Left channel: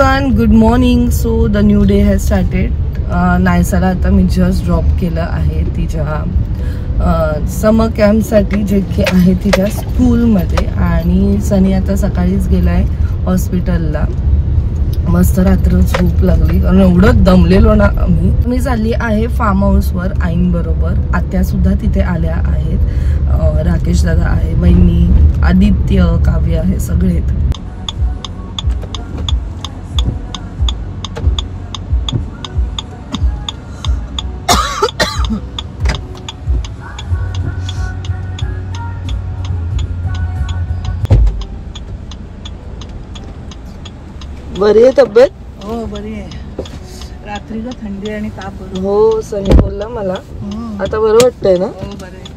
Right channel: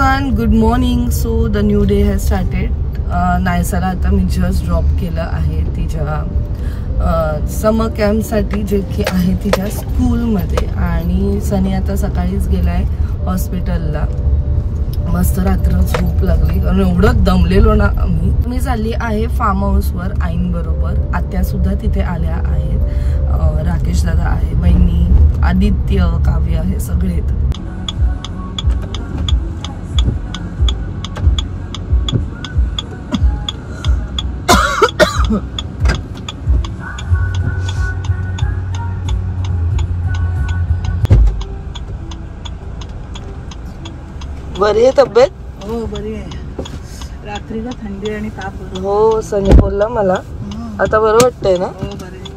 Everyone, good morning. So the new day has started. नायसाला आता मी जस्ट ड्रॉप केलं आहे तिच्या समर कॅम्पसाठी जे की आहे तिच्या स्कूलमध्ये. आणि सनी आता सकाळीच गेलाय हॉस्पिटलला. मस्त रात्र झोप लागली कारण एवढं दमलेलो ना आम्ही. मी चालली आहे फार्म हाऊसवर आईंबरोबर. आत्या सुद्धा तिथे आल्या आहेत. राकेश दादा आहे, वहिनी, आदित्य, काव्य आहे, सगळे. बरी आहे तब्येत? हो बरी आहे. रात्री का थंडी आणि ताप होतो. हो, सनी बोलला मला. आता बरं वाटतंय ना? हो बरं आहे.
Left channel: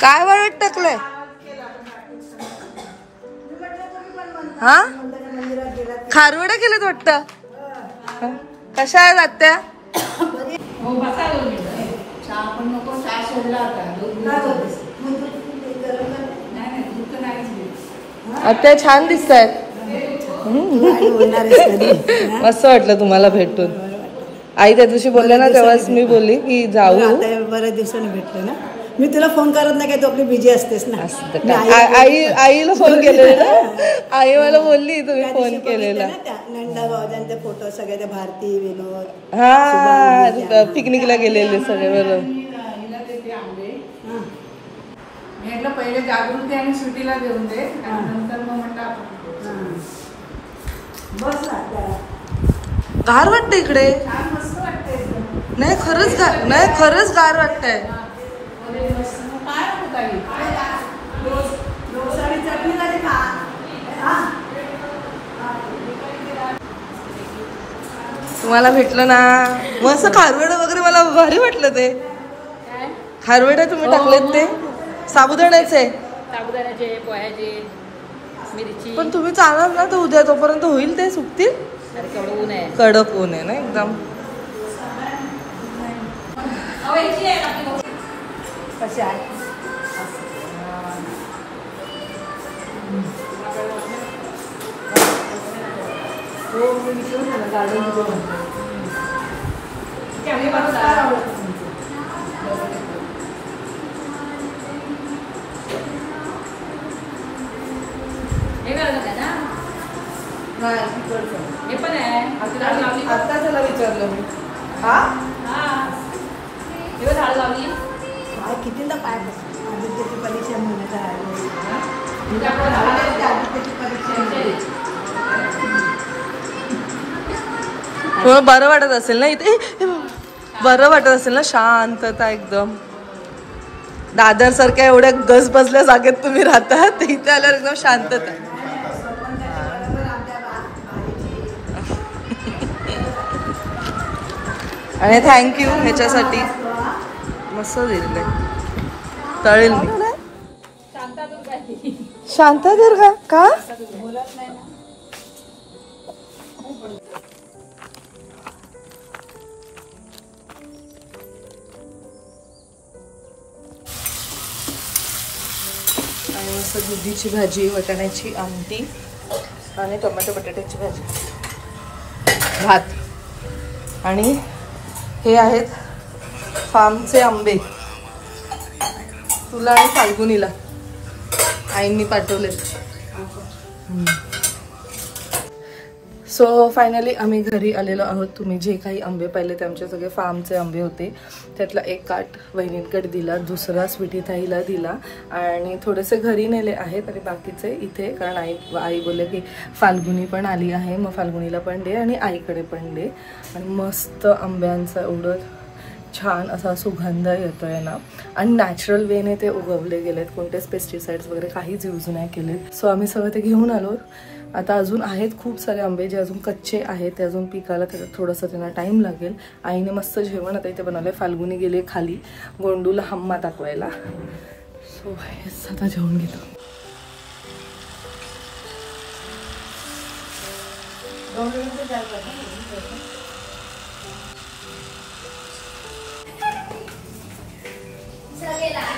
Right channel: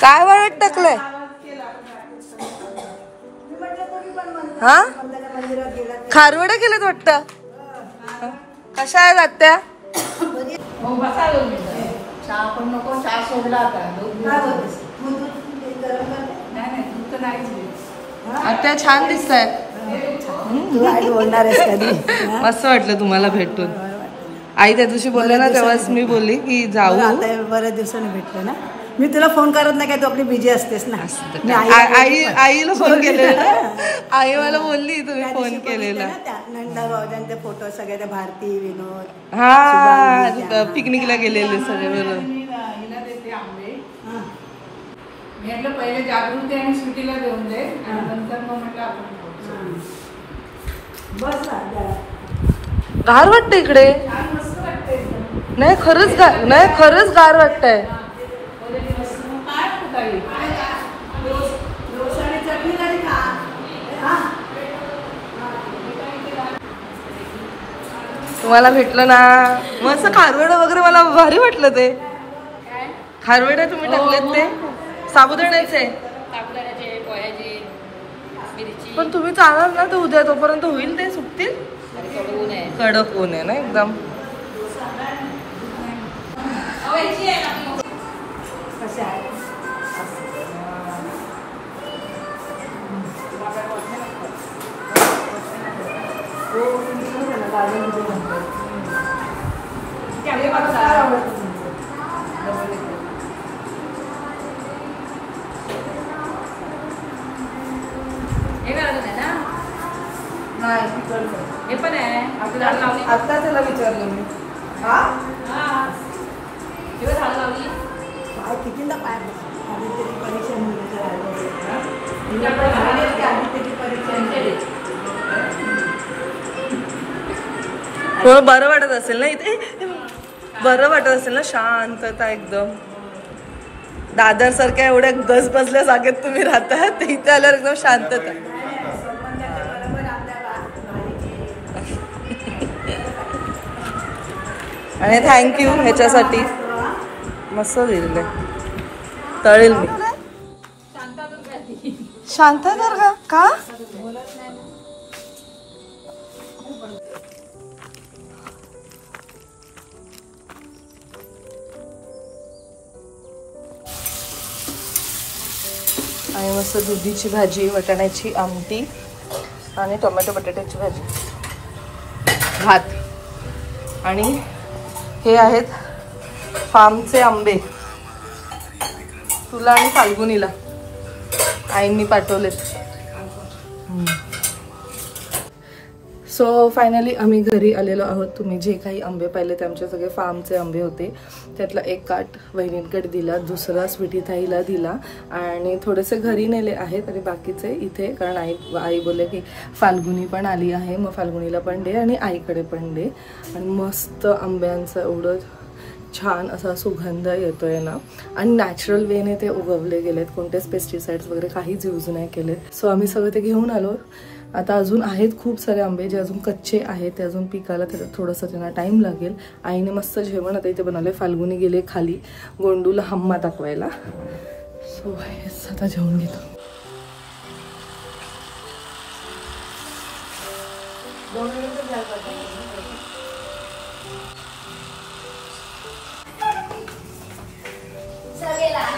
काय वाळत टाकलंय? हा, खारवडा केलं वाटतं. कशा आहेत आत्या? आत्या छान दिसत आहेत. मस्त वाटलं तुम्हाला भेटून. आई त्या दिवशी बोलले ना, तेव्हाच मी बोलली की जाऊ. बऱ्याच दिवसांनी भेटले ना. मी तुला फोन करत नाही काय, तू आपली बिझी असतेस ना. आईला फोन केलेला. आई मला बोलली तुम्ही फोन केलेला. नंदा भाऊजांचे फोटो सगळे, त्या भारती, विनोद, हा, पिकनिकला गेलेले सगळे. बरोबर. म्हटलं पहिले जागृती आणि सुटीला देऊन दे आणि नंतर मग म्हटलं बस. गार वाटतं इकडे. नाही खरंच गार वाटतंय. तुम्हाला भेटलं ना मस्त खारवडा वगैरे. मला भारी वाटलं ते खारवडा तुम्ही टाकलेत ते. साबुदाण्याचे पण तुम्ही चालाल ना तर उद्या तोपर्यंत होईल ते सुकतील. कडक ऊन आहे ना एकदम. आता त्याला विचारलं मी. कितींदा पाय आदित्यची परीक्षा थोडं बरं वाटत असेल ना इथे. बरं वाटत असेल ना, शांतता एकदम. दादर सारख्या एवढ्या गज बसल्या जागेत तुम्ही राहता, इथे आल्यावर एकदम शांतता. आणि थँक्यू ह्याच्यासाठी. मस्त दिलेलं आहे. तळेल मी. शांतादुर्गा का? आणि मस्त दुधीची भाजी, वाटाण्याची आमटी आणि टोमॅटो बटाट्याची भाजी, भात. आणि हे आहेत फार्मचे आंबे. तुला आणि फाल्गुनीला आईंनी पाठवलेत. सो फायनली आम्ही घरी आलेलो आहोत. तुम्ही जे काही आंबे पाहिले ते आमचे सगळे फार्मचे आंबे होते. त्यातला एक काट वहिनींकडे दिला, दुसरा स्वीटी ताईला दिला आणि थोडेसे घरी नेले आहेत आणि बाकीचे इथे. कारण आई बोलले की फाल्गुनी पण आली आहे, मग फाल्गुनीला पण दे आणि आईकडे पण दे. आणि मस्त आंब्यांचं एवढं छान असा सुगंध येतोय ना, आणि नॅचरल वेने ते उगवले गेलेत, कोणतेच पेस्टिसाइड्स वगैरे काहीच यूज नाही केलेत. सो आम्ही सगळं ते घेऊन आलो. आता अजून आहेत खूप सारे आंबे जे अजून कच्चे आहेत, ते अजून पिकायला थोडंसं त्यांना टाइम लागेल. आईने मस्त जेवण आता इथे बनवलंय. फाल्गुनी गेले खाली गोंडूला हम्मा दाखवायला. सो हेच आता जेवण घेतो.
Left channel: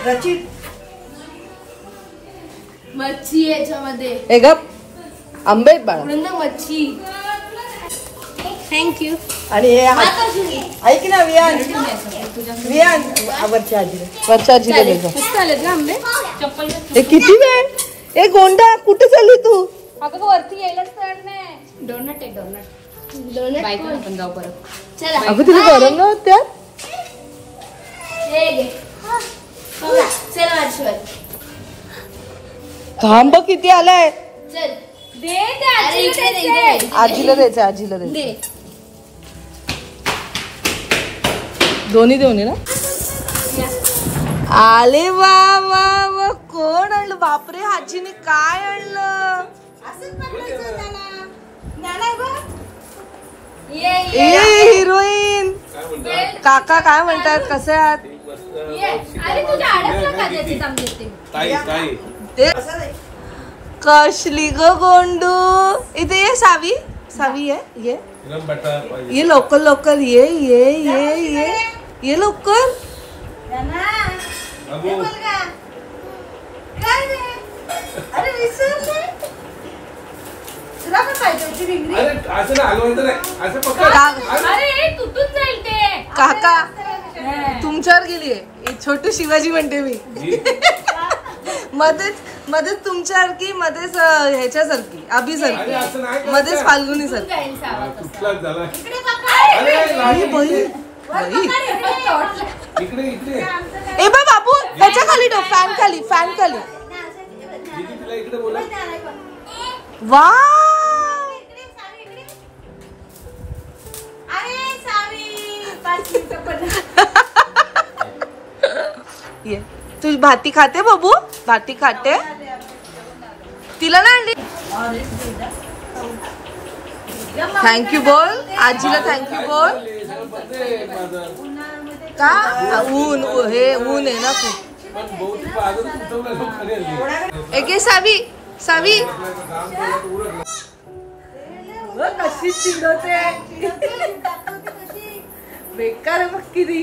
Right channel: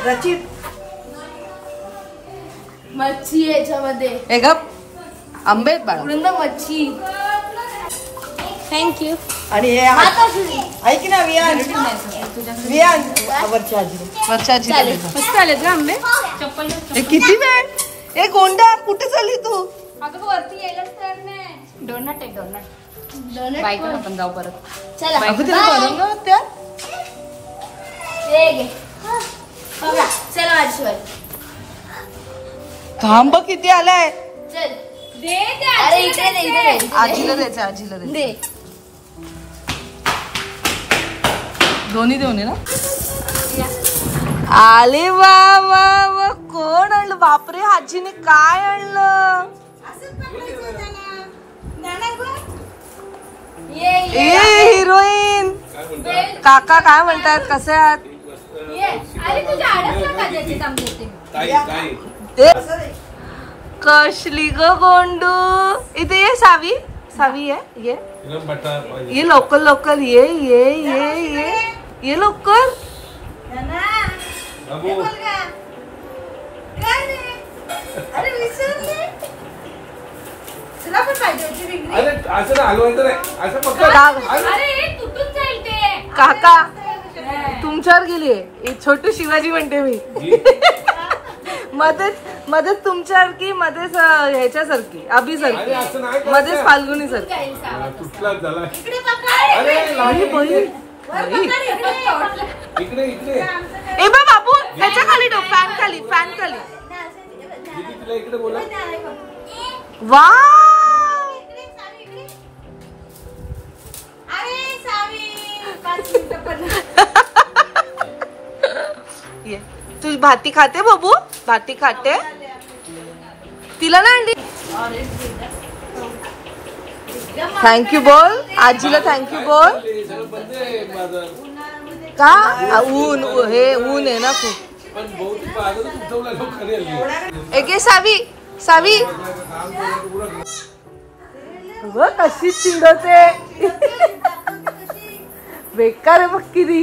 रचित मच्छी याच्यामध्ये हे गप आंबे उडंद मच्छी. थँक्यू. आणि हे ऐक ना वियान, वियान वरच्या आजीला मस्त आलेत ना आंबे. चप्पल हे किती वेळ. ए गोंडा कुठे चालली तू. अगं वरती यायलाच तर नाही. डोनट आहे डोनट. बाय कर आपण जाऊ परत. चला अगं तिथे गरम ना त्या. हे घे. चल आजीवर. थांब किती आलाय. चल दे दे. अरे इकडे दे इकडे. आजीला द्यायचं, आजीला द्यायचं. दोन्ही देऊन ना. आले वा वा वा. कोण आणलं. बापरे आजीने काय आणलं. हिरोईन. काका काय म्हणतात, कसे आहात. कसली ग गोंडू. इथे ये सावी. सावी आहे ये. ये लवकर लवकर ये ये ये ये ये लवकर. काका तुमच्यावर गेलीये. छोटू शिवाजी म्हणते मी. मध्येच तुमच्यासारखी, मध्येच ह्याच्यासारखी अभिसारखी, मध्येच फाल्गुनी सारखी. ए बा बाबू ह्याच्या खाली ठेव. फॅन खाली, फॅन खाली. वा ये तू भाती खाते बाबू. भाती खाते. तिला ना आणली. थँक्यू बोल आजीला. थँक्यू बोल. का ऊन, हे ऊन आहे ना खूप. एक सावी. सावी कशी चिडवते. बेकार आहे बघ किती.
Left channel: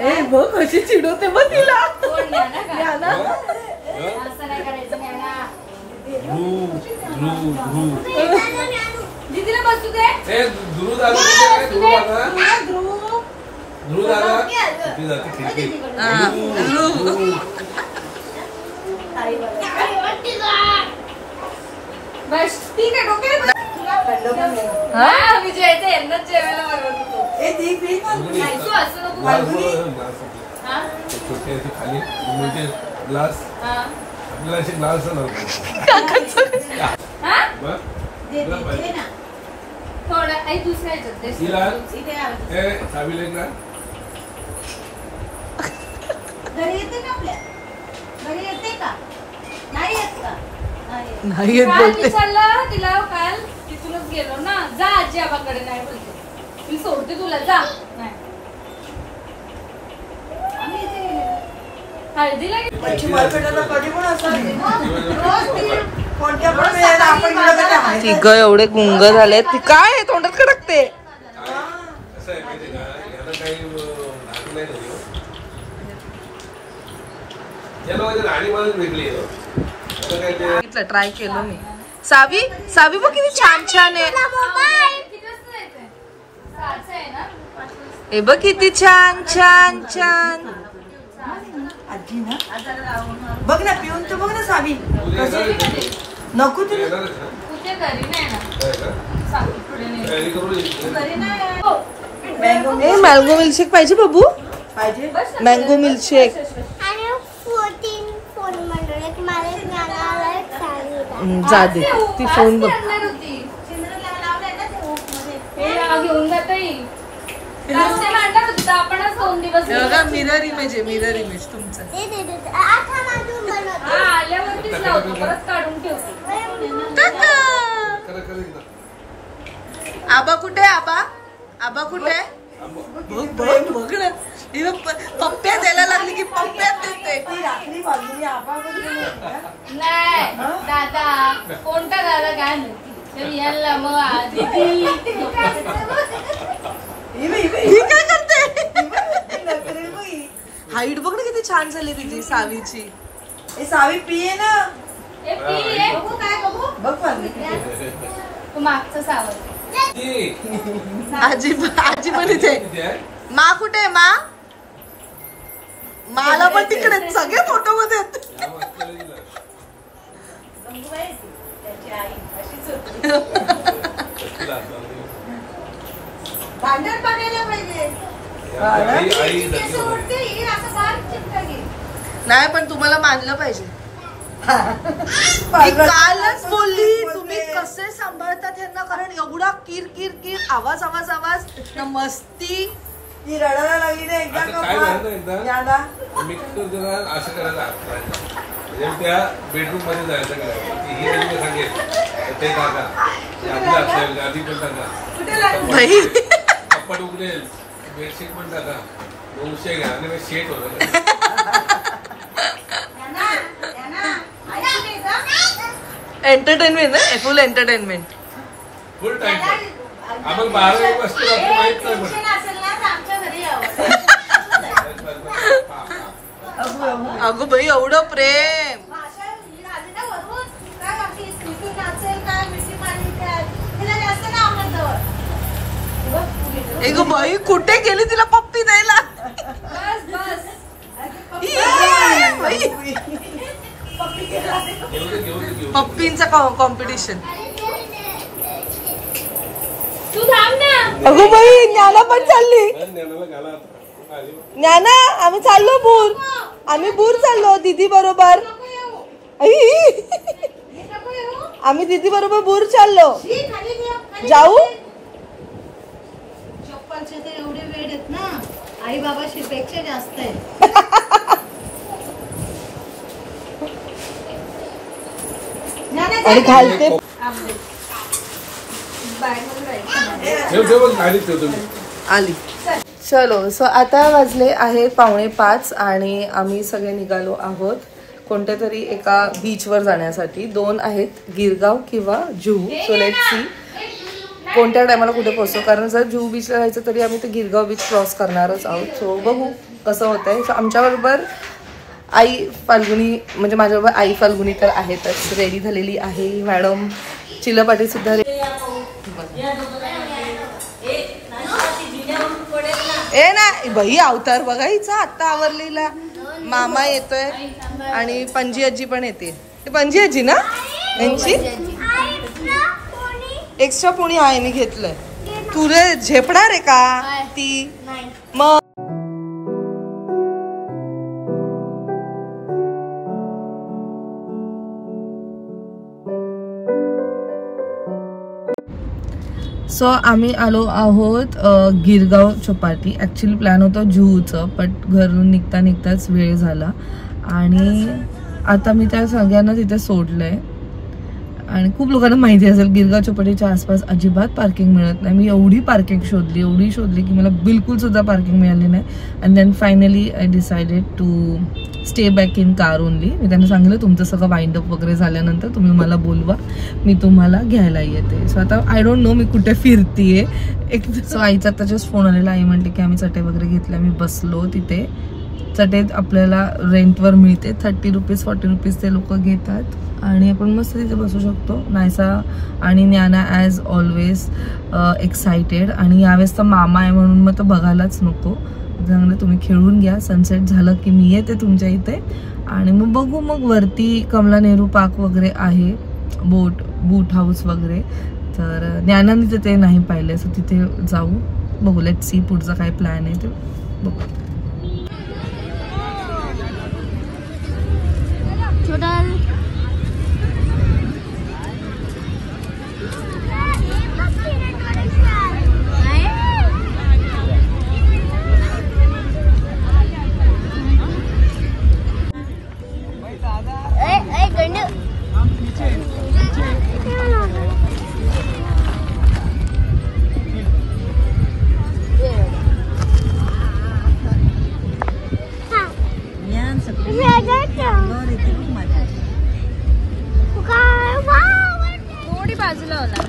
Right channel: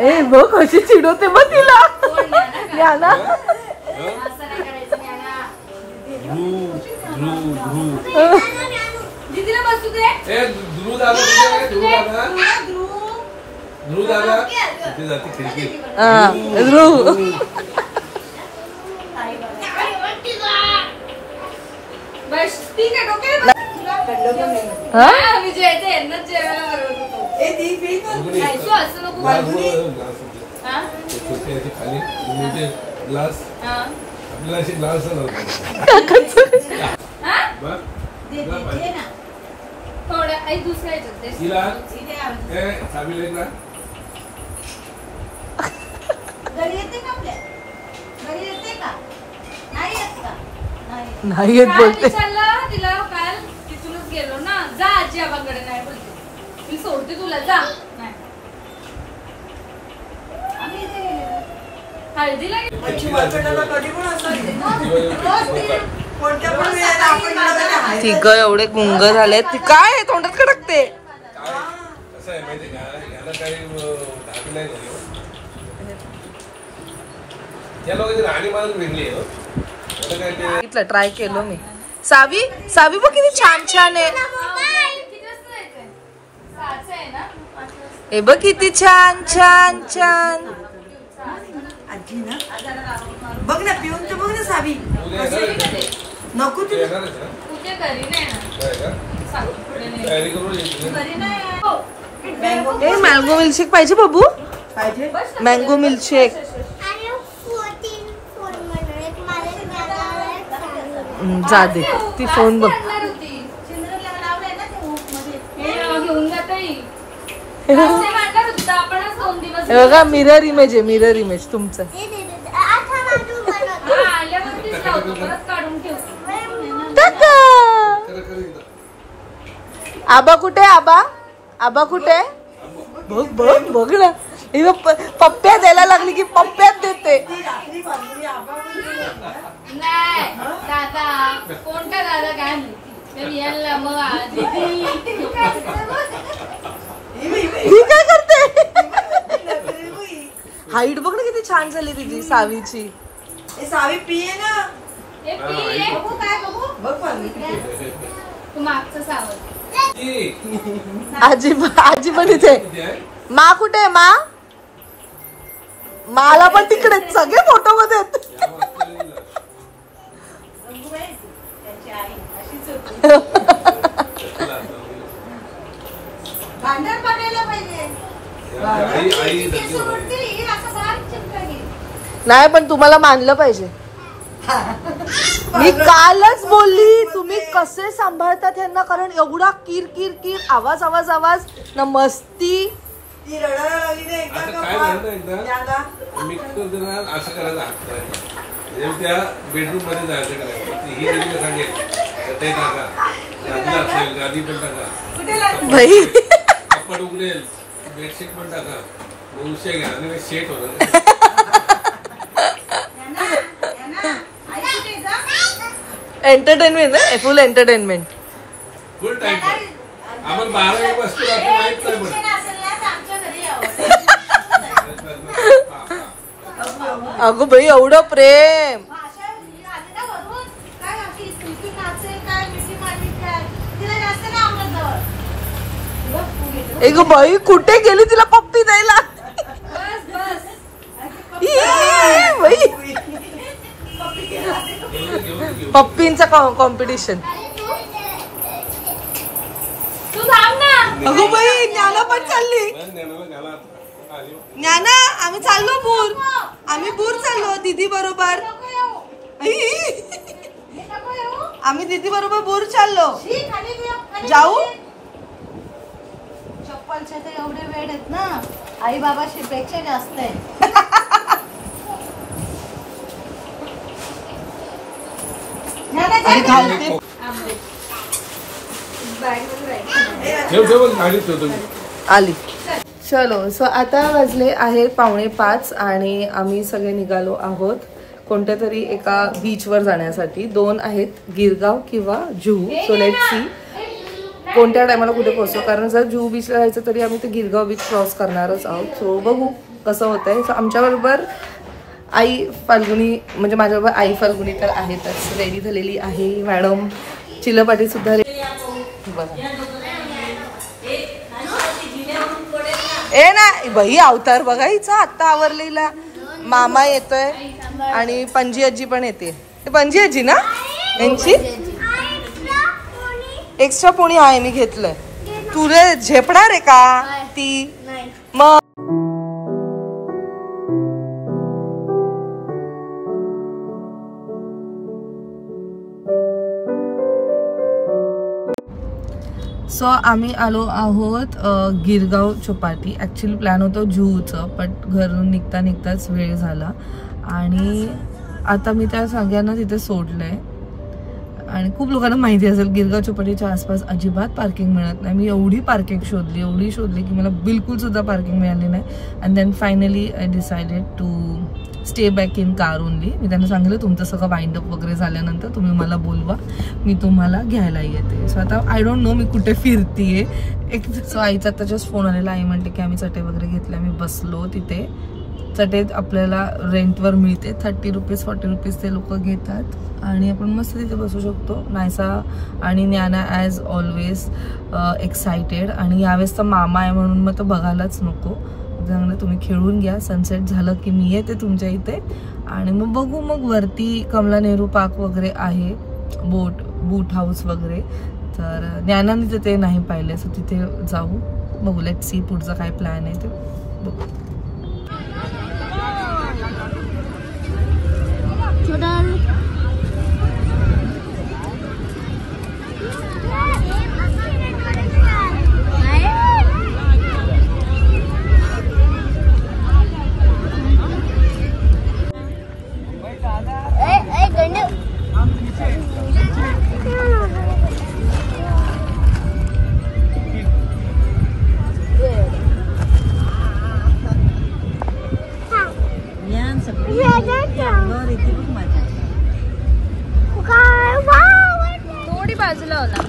ए बघ कशी चिडवते बघ तिला. याना बस ठीक आहे. डोक्याला विजयाचं यांनाच जेवायला बरोबर. असं नको ग्लास आपल्याला असे ग्लास थोडं आई दुसऱ्या घरी येते का आपल्या. घरी येते का. नाही येत का. नाही येत बोलते. विचारलं तिला काल तिथूनच गेलो ना. जा आजी आबाकडे. नाही बोलते मी सोडते तुला. जा. नाही हळदीला तिघ एवढे गुंग झाले. ती काय तोंडात खडकते. ट्राय केलं मी. सावी. सावी बघ किती छान छान आहे. हे बघ किती छान छान छान. आजी ना बघ ना पिऊन तर बघ ना सावी. नको तुला. मँगो मिल्कशेक पाहिजे बाबू. पाहिजे मँगो मिल्कशेक. जा दे ती फोन बघ. आपणच 2 दिवस बघा मिरर इमेज आहे, मिरर इमेज तुमचं. आल्यावरतीच लावतो, परत काढून ठेवतो. आबा कुठे? आबा आबा कुठे? बघ बघ बघ ना, पप्प्या द्यायला लागली की पप्प्यात देते. नाही दादा, कोणता दादा काय माहिती. ही काय करते? हाईट बघ ना किती छान झाली तुझी सावीची. सावी पिये ना. तू मागचं सावध. आजी आजी पण इथे. मा कुठे? माला पण तिकडे सगळे फोटो मध्ये. भांडण बघायला पाहिजे. नाही पण तुम्हाला मानलं पाहिजे. मी कालच बोलली तुम्ही कसे सांभाळतात यांना, कारण एवढा किर किर किर आवाज आवाज आवाज ना मस्ती. ती रडायला लागली ना काय झालं एकदा मिक्सर जरा असं करायला त्या बेडरूम मध्ये जायचं करायचं. ही त्यांनी सांगेल ते टाका, गादी पण टाका, कपड उघडेल, बेडशीट पण टाका, उशा घ्या आणि शेट होतं. एंटरटेनमेंट आहे, फुल एंटरटेनमेंट. फुल टाइम आपण 12 वाजता माहित नाही पडत. अगो बाई एवढं प्रेम. एक बाई कुठे गेली तिला पप्पी द्यायला. पप्पींचा कॉम्पिटिशन. तू थांब ना. अगो बाई ज्ञाना पण चालली. ज्ञाना आम्ही चाललो बूर, आम्ही बूर चाललो दीदी बरोबर. आम्ही दीदी बरोबर बूर चाललो. जाऊ. चप्पलचे ते एवढे वेळ आहेत ना, आई बाबा पेक्षा जास्त आहे. आणि घालते आली. चलो सो आता वाजले आहे 4:45 आणि आम्ही सगळे निघालो आहोत कोणत्या तरी एका बीचवर जाण्यासाठी. 2 आहेत, गिरगाव किंवा जुहू. सो लेट सी कोणत्या टायमाला कुठे पोहोचतो, कारण जर जुहू बीचला जायचं तरी आम्ही ते गिरगाव बीच क्रॉस करणारच आहोत. सो बघू कसं होतंय. सो आमच्याबरोबर आई फाल्गुनी, म्हणजे माझ्याबरोबर आई फाल्गुनी तर आहेतच, रेडी झालेली आहे. मॅडम चिलपाटी सुद्धा ए ना बाई अवतार बघा हिचा आत्ता आवरलेला. मामा येतोय आणि पणजी आजी पण येते. पणजी आजी ना यांची एक्स्ट्रा पोणी आहे, मी घेतलंय. तुरे झेपणार आहे का ती? मग सो आम्ही आलो आहोत गिरगाव चौपाटी. ॲक्च्युली प्लॅन होतं जुहूचं, बट घरून निघता निघताच वेळ झाला आणि आता मी त्या सगळ्यांना तिथे सोडलंय. आणि खूप लोकांना माहिती असेल गिरगाव चौपाटीच्या आसपास अजिबात पार्किंग मिळत नाही. मी एवढी पार्किंग शोधली की मला बिलकुल सुद्धा पार्किंग मिळाली नाही. And then finally I decided to stay back in car only. मी त्यांना सांगितलं तुमचं सगळं वाइंड अप वगैरे झाल्यानंतर तुम्ही मला बोलवा, मी तुम्हाला घ्यायला येते. सो आता आय डोंट नो मी कुठे फिरतीये. सो आईचा आता जस्ट फोन आलेला. आई म्हणते की आम्ही चटे वगैरे घेतल्या. मी बसलो तिथे. चटे आपल्याला रेंटवर मिळते, 30 रुपीज 40 रुपीज ते लोक घेतात आणि आपण मस्त तिथे बसू शकतो. नायसा आणि ज्ञाना ॲज ऑलवेज एक्सायटेड. आणि यावेळेस तर मामा आहे म्हणून मग तो बघायलाच नको. चांगलं तुम्ही खेळून घ्या, सनसेट झालं की मी येते तुमच्या इथे आणि मग बघू. मग वरती कमला नेहरू पार्क वगैरे आहे, बोट हाऊस वगैरे. तर ज्ञानाने तिथे नाही पाहिले, सो तिथे जाऊ. बघू, लेट सी पुढचा काय प्लॅन आहे ते बघू. थोडी बाजूला होला.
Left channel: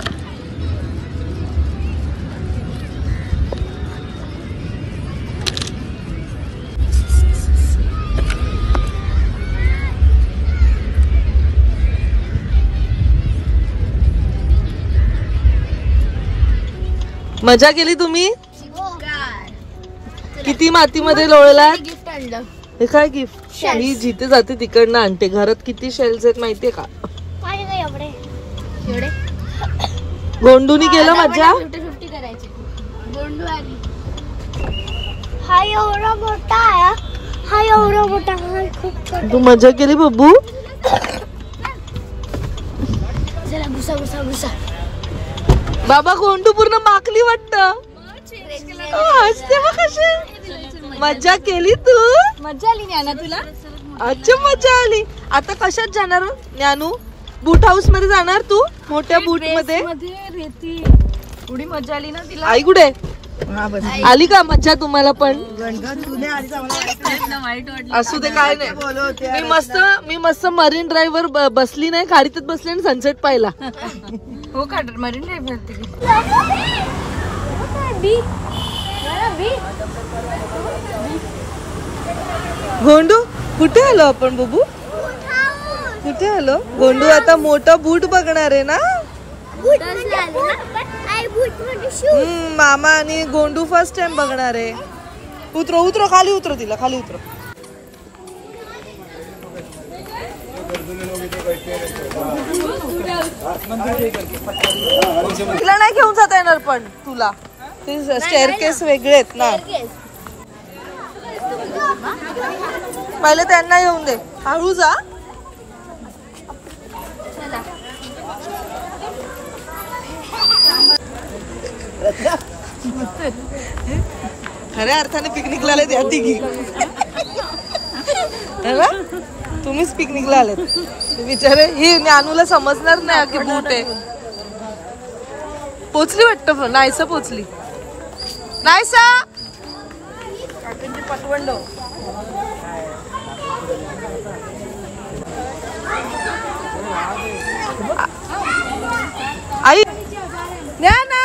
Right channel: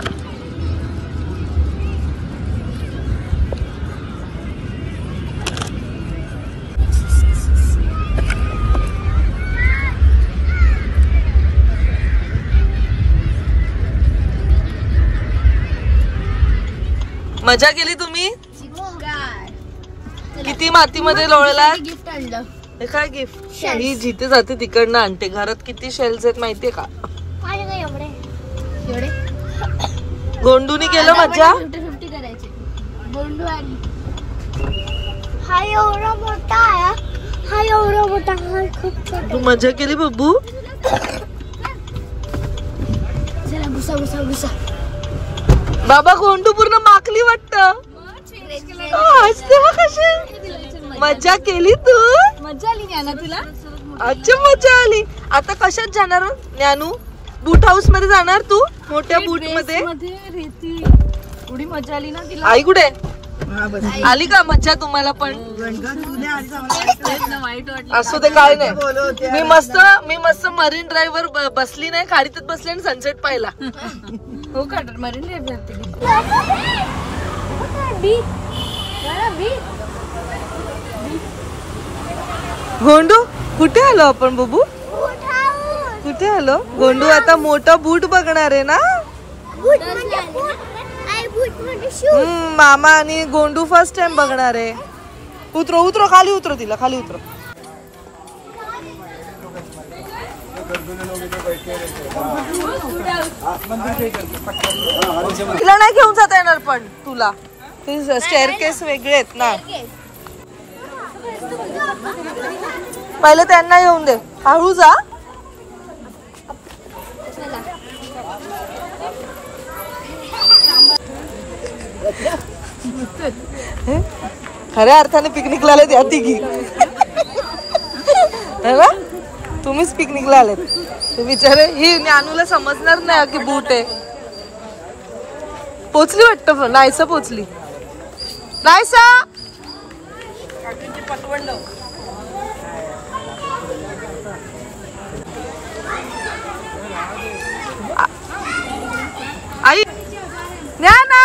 मजा केली तुम्ही? किती मातीमध्ये लोळला? गिफ्ट आणलं. हे काय गिफ्ट? मी जिथे जाते तिकडनं आणते. घरात किती शेल्स आहेत माहितीये का? एवढे गोंडूनी केलं मजा? 50-50 करायची. गोंडू आणि हा एवढा मोठा आहे. हा एवढा मोठा आहे. खूप छोटा. तू मजा केली बब्बू? चला घुसा घुसा घुसा. बाबा गोंडू पूर्ण माकली वाटतं. हसते मग कशी. मजा केली तू? मजा आली ज्ञाना तुला? अच्छा मजा आली. आता कशात जाणार ज्ञानू? बूट हाऊस मध्ये जाणार तू? मोठ्या बूट मध्ये? एवढी मजा आली ना तिला. आई कुठे? आली का मजा तुम्हाला पण? असू दे काय नाही. मी मस्त मरीन ड्राईव्ह वर बसली नाही, खाडीतच बसले आणि सनसेट पाहिला. हो का? मरीन ड्राईव्ह होती. गोंडू कुठे आलो आपण बबू? कुठे आलो? गोंडू आता मोठा बूट बघणार आहे ना? मामा आणि गोंडू फर्स्ट टाइम बघणार आहे. उतरो उतरो खाली उतरो, तिला खाली उतरो. तिला नाही घेऊन जाता येणार पण तुला. ते स्टेअरकेस वेगळे आहेत ना. पहिले त्यांना येऊन दे. हळू जा. खऱ्या अर्थाने पिकनिकला आलेत या तिघी. तुम्हीच पिकनिकला आलेत. ते बिचारे ही ज्ञानूला समजणार नाही की बूट आहे. पोचली वाटतं. नाहीसा पोचली. नाहीसा आई ज्ञाना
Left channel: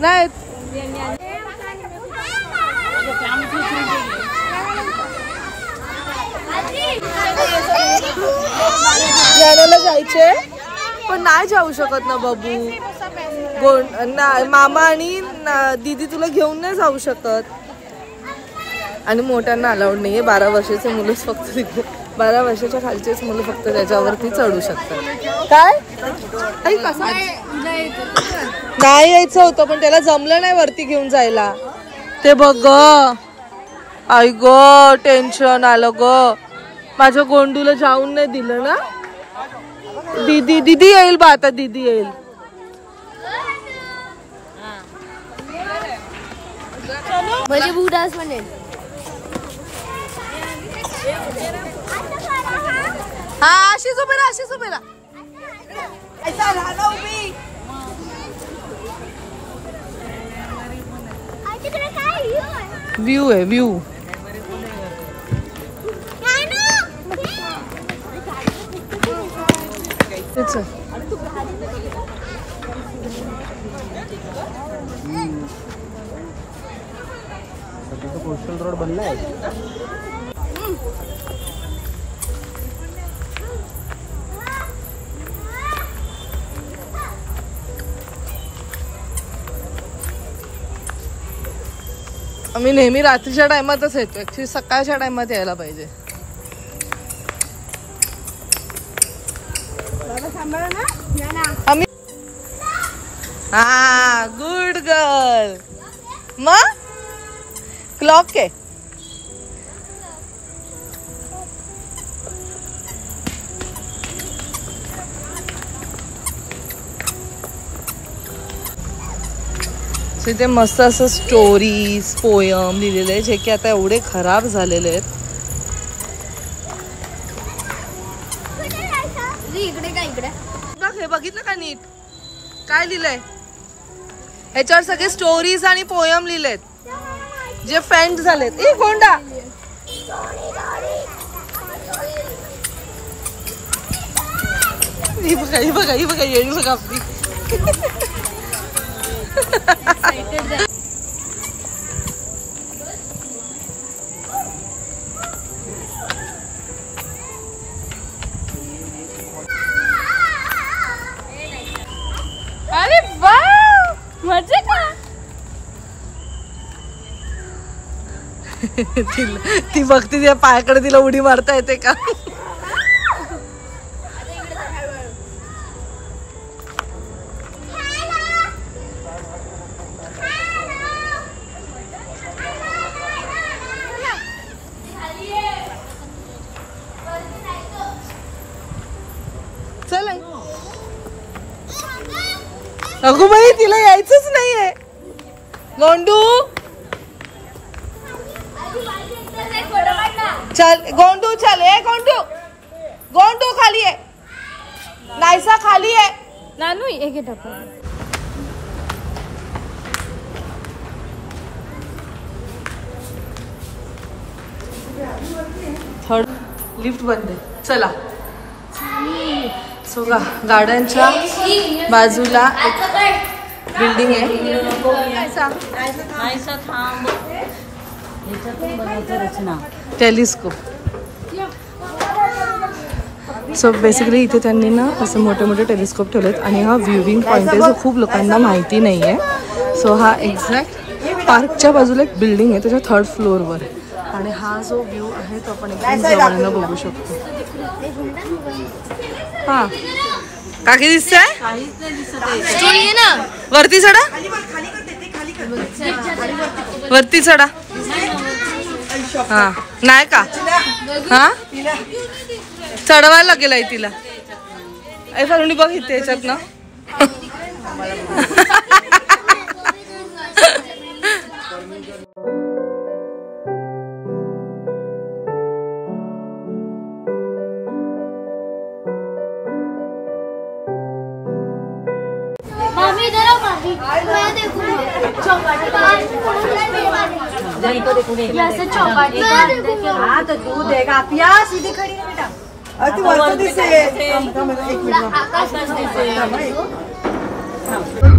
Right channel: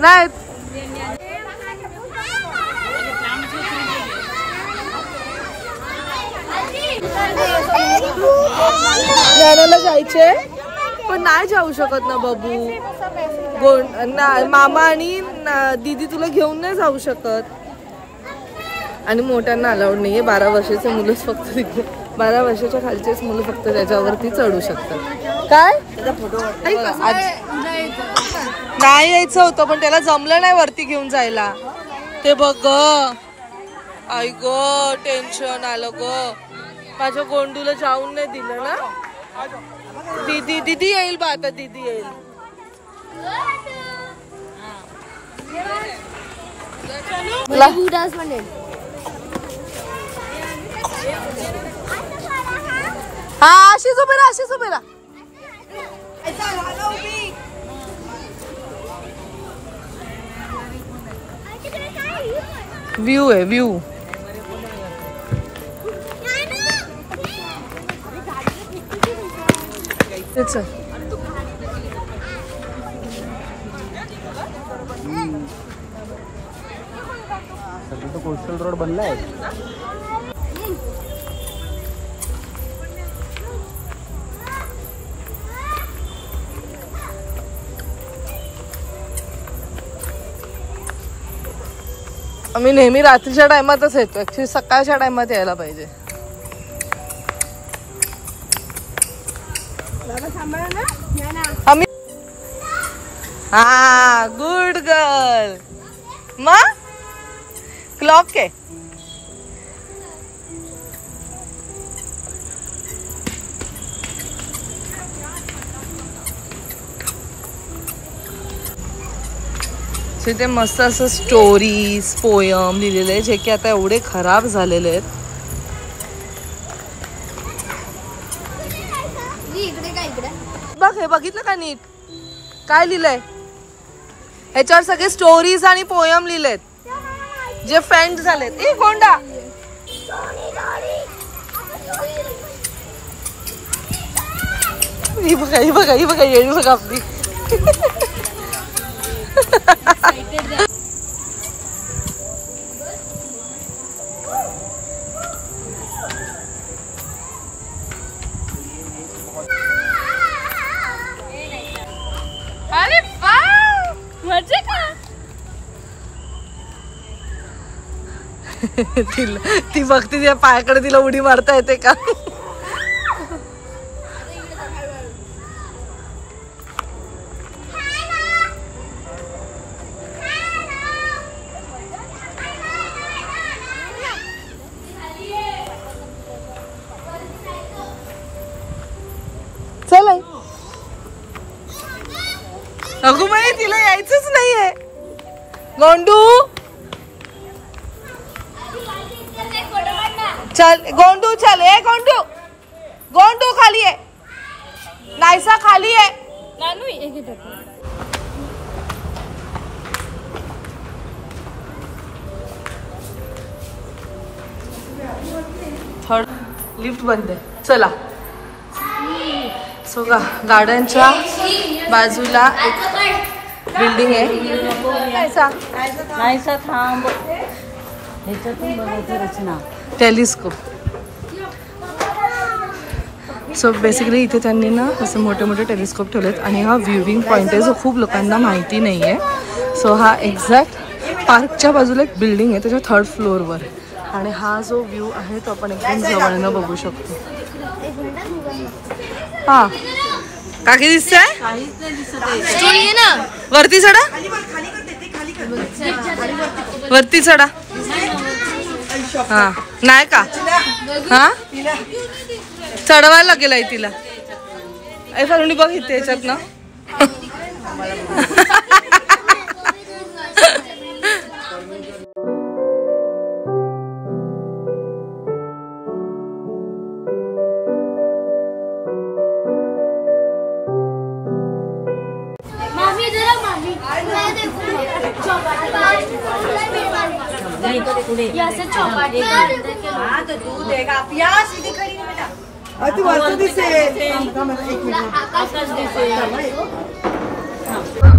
नाही. ज्ञानाला जायचे पण नाही जाऊ शकत ना बाबू. मामा आणि दीदी तुला घेऊन नाही जाऊ शकत. आणि मोठ्यांना अलाउड नाहीये. 12 वर्षाचे मुलंच फक्त तिकडे. 12 वर्षाच्या खालचेच मुलं फक्त त्याच्यावरती चढू शकतात. काय नाही यायचं होतं पण त्याला जमलं नाही वरती घेऊन जायला. ते बघ आई ग टेन्शन आलं ग. माझ्या गोंडूला जाऊन नाही दिलं ना. दीदी येईल बा आता. दीदी येईल. हा अशीच उभे राहा. अशीच उभे राहा. व्ह्यू आहे व्ह्यू. तो कोस्टल रोड बनला है. आम्ही नेहमी रात्रीच्या टायमातच येतो. ऍक्च्युली सकाळच्या टायमात यायला पाहिजे. आम्ही हा गुड गर्ल. मग क्लॉक आहे. तिथे मस्त असं स्टोरीज पोयम लिहिलेले आहे जे की आता एवढे खराब झालेले आहेत. इकडे काय इकडे बघ हे बघितलं का नीट काय लिहिलंय? ह्याच्यावर सगळे स्टोरीज आणि पोयम लिहिलेत जे फ्रेंड झालेत. ए गोंडा ही बघा ही बघा ही बघा येळी बघा आपली. अरे वाह मजे का. ती बघती तिच्या पायाकडे तिला उडी मारता येते का. चल अगो बाई तिला यायचंच नाहीये. गोंडू चल गोंडू चल. ए गोंडू गोंडू खाली आहे. नायसा खाली आहे. नानू एक घे टाकून. थर्ड लिफ्ट बंद आहे. चला सो गार्डनच्या बाजूला एक बिल्डिंग आहे. टेलिस्कोप. सो बेसिकली इथे त्यांनी ना असे मोठे मोठे टेलिस्कोप ठेवलेत आणि हा व्ह्यूविंग पॉइंट आहे जो खूप लोकांना माहिती नाही आहे. सो हा एक्झॅक्ट पार्कच्या बाजूला एक बिल्डिंग आहे त्याच्या 3rd फ्लोअरवर आणि हा जो व्ह्यू आहे तो आपण एकदम जवळनं बघू शकतो. हा काकी दिसतंय ना. वरती चढा वरती चढा. हा नाही का. हा चढवायला लागेल आहे तिला. ऐ फरुणी बघ इथे याच्यात ना. हाँ तो तू देगा यहाँ सीधे खड़ी है बेटा. तू वरती दिसे. एक मिनिट.